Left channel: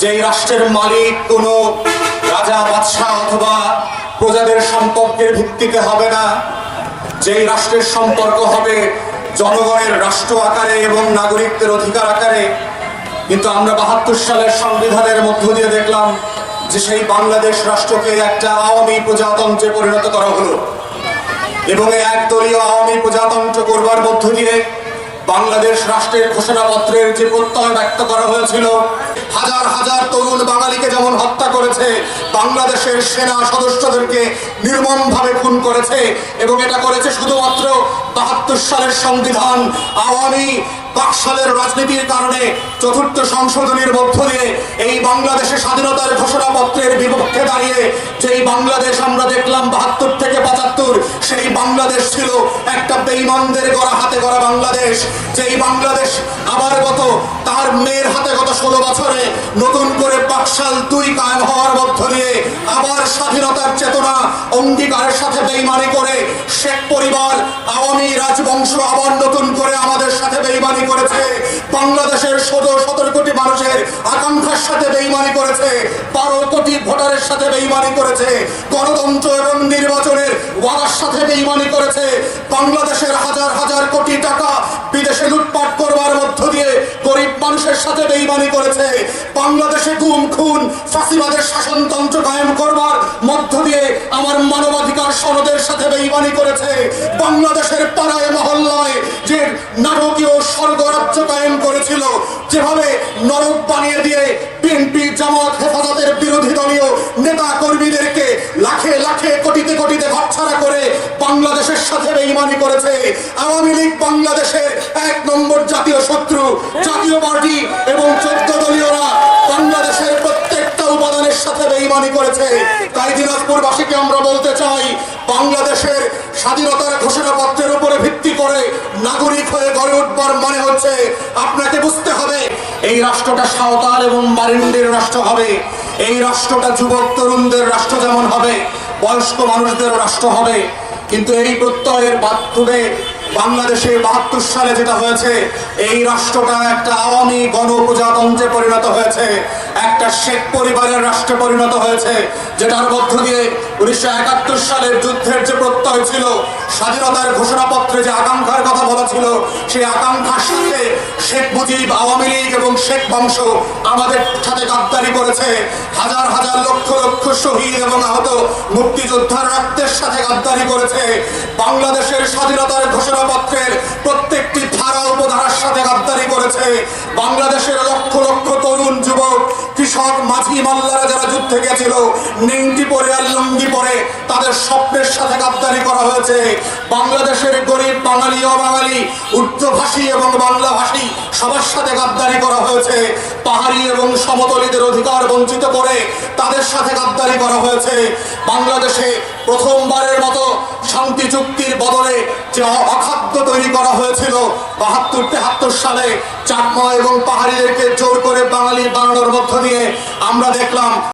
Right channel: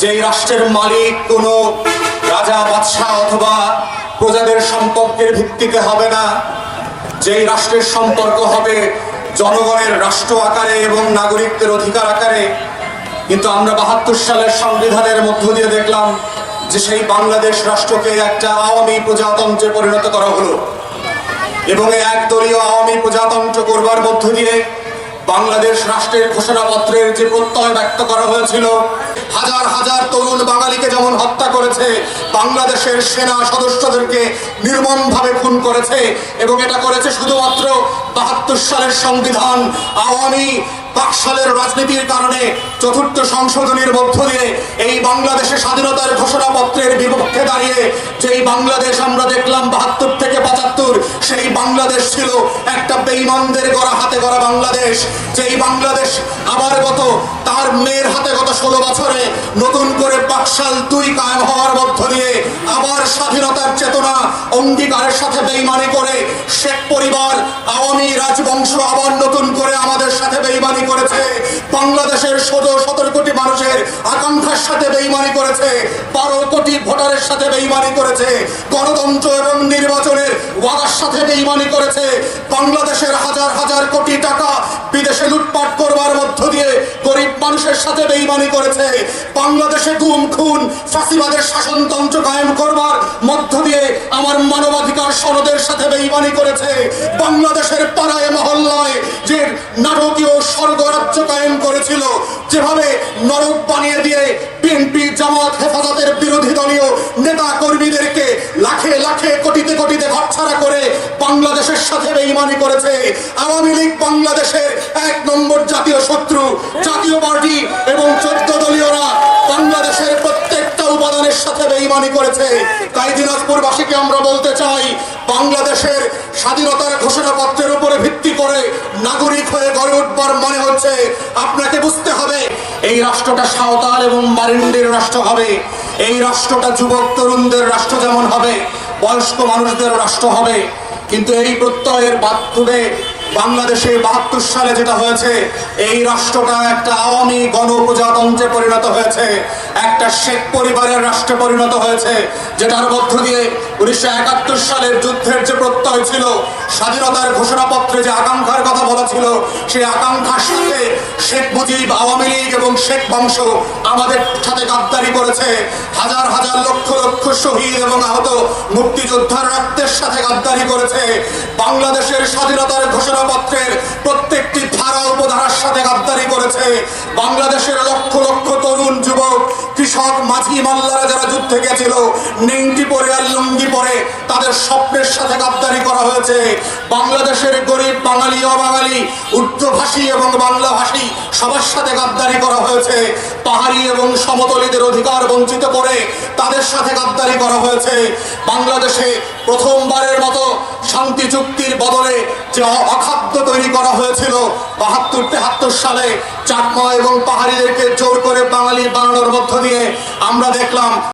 যে রাষ্ট্রের মালিক কোনো রাজা, বাদশাহ অথবা প্রজাদের সম্পর্কের ভিত্তিতে হবে না। যেই রাষ্ট্রের সম্পর্ক হবে জনগণের রাষ্ট্র আকারে এবং নাগরিকদের অধিকার আকারে। কিন্তু আমরা বাহাত্তর সালের সংবিধানের মধ্য দিয়ে দেখলাম যে সেই বাংলাদেশ রাষ্ট্রকে একটা আওয়ামী প্রজাতন্ত্রে পরিণত করা হলো। এবং এই একদলীয় আওয়ামী প্রজাতন্ত্র করবার মধ্য দিয়ে বাংলাদেশ রাষ্ট্রের ঘোষণাপত্রের যে প্রত্যয় ব্যক্ত করা হয়েছিল, হাজার হাজার তরুণ বাঙালিকে যেমন হত্যা করেছে, বাংলাদেশের সেনা সদস্যদেরকে নির্মমভাবে খুন করেছে এবং এটা করেছে শুধুমাত্র বাহাত্তর সালের সংবিধান আওয়ামী বাকশালের রাজনীতির কারণে চতুর্থ সংশোধনীর মধ্য দিয়ে এই বাংলাদেশের স্বাধীনতার ঘোষণাপত্রের বিপক্ষে দাঁড়িয়ে যেই বাংলাদেশ আমরা দেখলাম বাহাত্তর থেকে পঁচাত্তর, সেই বাংলাদেশ ছিল একটা বেইমানদের গড়া হাতে গড়া বাংলাদেশ। যেই বাংলাদেশ আবার গত তার মেয়ের হাতে গত ষোলো বছরে নতুন করে বাকশাল দুই কায়েম হওয়ার মধ্য দিয়ে আবার স্বাধীনতার চেতনা অঙ্গীকারের সাথে বেইমানি করে শেখ পরিবার আওয়ামী রাজবংশ আবার নতুন করে আমাদের সাথে বেইমানি করেছে। বাংলাদেশের ষোলো, সতেরো কোটি মানুষের আকাঙ্ক্ষার সাথে বেইমানি করেছে। বারো কোটি ভোটারের সাথে বেইমানি করেছে। গণতন্ত্র এবং নির্বাচনের ওয়াদার সাথে বেইমানি করেছে। বাংলাদেশের হাজার হাজার কোটি টাকা বিদেশে লুটপাট করবার মধ্য দিয়ে গরিব মানুষের সাথে বেইমানি করেছে। বাংলাদেশে গুম, খুন, ফাঁসিবাদের শাসনতন্ত্র কায়েম করবার মধ্য দিয়ে আমার মানবাধিকার সনদের সাথে বেইমানি করেছে। বাংলাদেশের পাড়ায়, মহল্লায় যে নাটকীয় স্বর্গরাজ্য কায়েম করেছিল। যেভাবে নরক বানিয়ে দিয়ে বিএনপি, জামাত, হেফাজতের বিরোধী দলীয় নেতা কর্মীদেরকে লাখে লাখে কোটিতে কোটিতে ঘরছাড়া করে বাংলাদেশের সাথে বেইমানি করেছে। আওয়ামী লীগ বাংলাদেশের এক নম্বর জাতীয় শত্রু, জাতীয় পার্টি এবং চোদ্দ সাথে বেইমানি করেছে। তাই দিনাজপুরবাসীকে আমরা বলতে চাই, বাংলাদেশের স্বাধীনতার ঘোষণাপত্রের উপরে ভিত্তি করে নাগরিক হয়ে গড়ে উঠবার মানে হচ্ছে আপনাকে বুঝতে হবে, এই রাষ্ট্রটা সাঁওতাল এবং মারিন্ডের রাষ্ট্র হবে। এই রাষ্ট্রটা যুবক, তরুণদের রাষ্ট্র যেমন হবে, বয়স্ক মানুষদের রাষ্ট্র হবে। কিন্তু এই প্রত্যয়ের মাধ্যমে বাংলাদেশে বাহাত্তর সালে যেটা হয়েছে, এই রাষ্ট্রটা একটা আওয়ামী গণপ্রজাতন্ত্রে পরিণত হয়েছে। একটা শেখ পরিবারের রাষ্ট্রে পরিণত হয়েছে, যেটার মধ্য দিয়ে উনিশশো একাত্তর সালের যুদ্ধের যে প্রত্যয় ছিল, স্বাধীনতার ঘোষণাপত্রে যে আকাঙ্ক্ষার কথা বলা ছিল, সেই আকাঙ্ক্ষার সাথে শেখ মুজিব, আওয়ামী লীগ এবং শেখ বংশ আমাদের সাথে গাদ্দারি করেছে। হাজার হাজার লক্ষ লক্ষ শহীদ এবং আহত মুক্তিযোদ্ধার রক্তের সাথে গাদ্দারি করেছে। বাংলাদেশের স্বাধীনতার ঘোষণাপত্রের প্রত্যেকটি ধারা উপধারার সাথে গাদ্দারি করেছে। বাংলাদেশের লক্ষ কৃষক মাঝি মাল্লারা যারা যুদ্ধে গেছিল, নেংটি পরে আর লুঙ্গি পরে, তাদের স্বপ্নের সাথে গাদ্দারি করা হয়েছে। বাংলাদেশের গরিব বাঙালি, অবাঙালি উর্দুভাষী এবং বাংলাভাষী, সবার সাথে গাদ্দারি করা হয়েছে। পাহাড়ি এবং সমতলীদের অধিকার বঞ্চিত করে তাদের সাথে গাদ্দারি করা হয়েছে। বাংলাদেশে প্রথমবারের মতো শান্তি চুক্তির বদলে যে অখাদ্য তৈরি করা হয়েছিল, বাহাত্তর, তেহাত্তর সালে চাকমা এবং পাহাড়িদেরকে জোর করে বাঙালি বানানোর মধ্য দিয়ে আমরা দেখলাম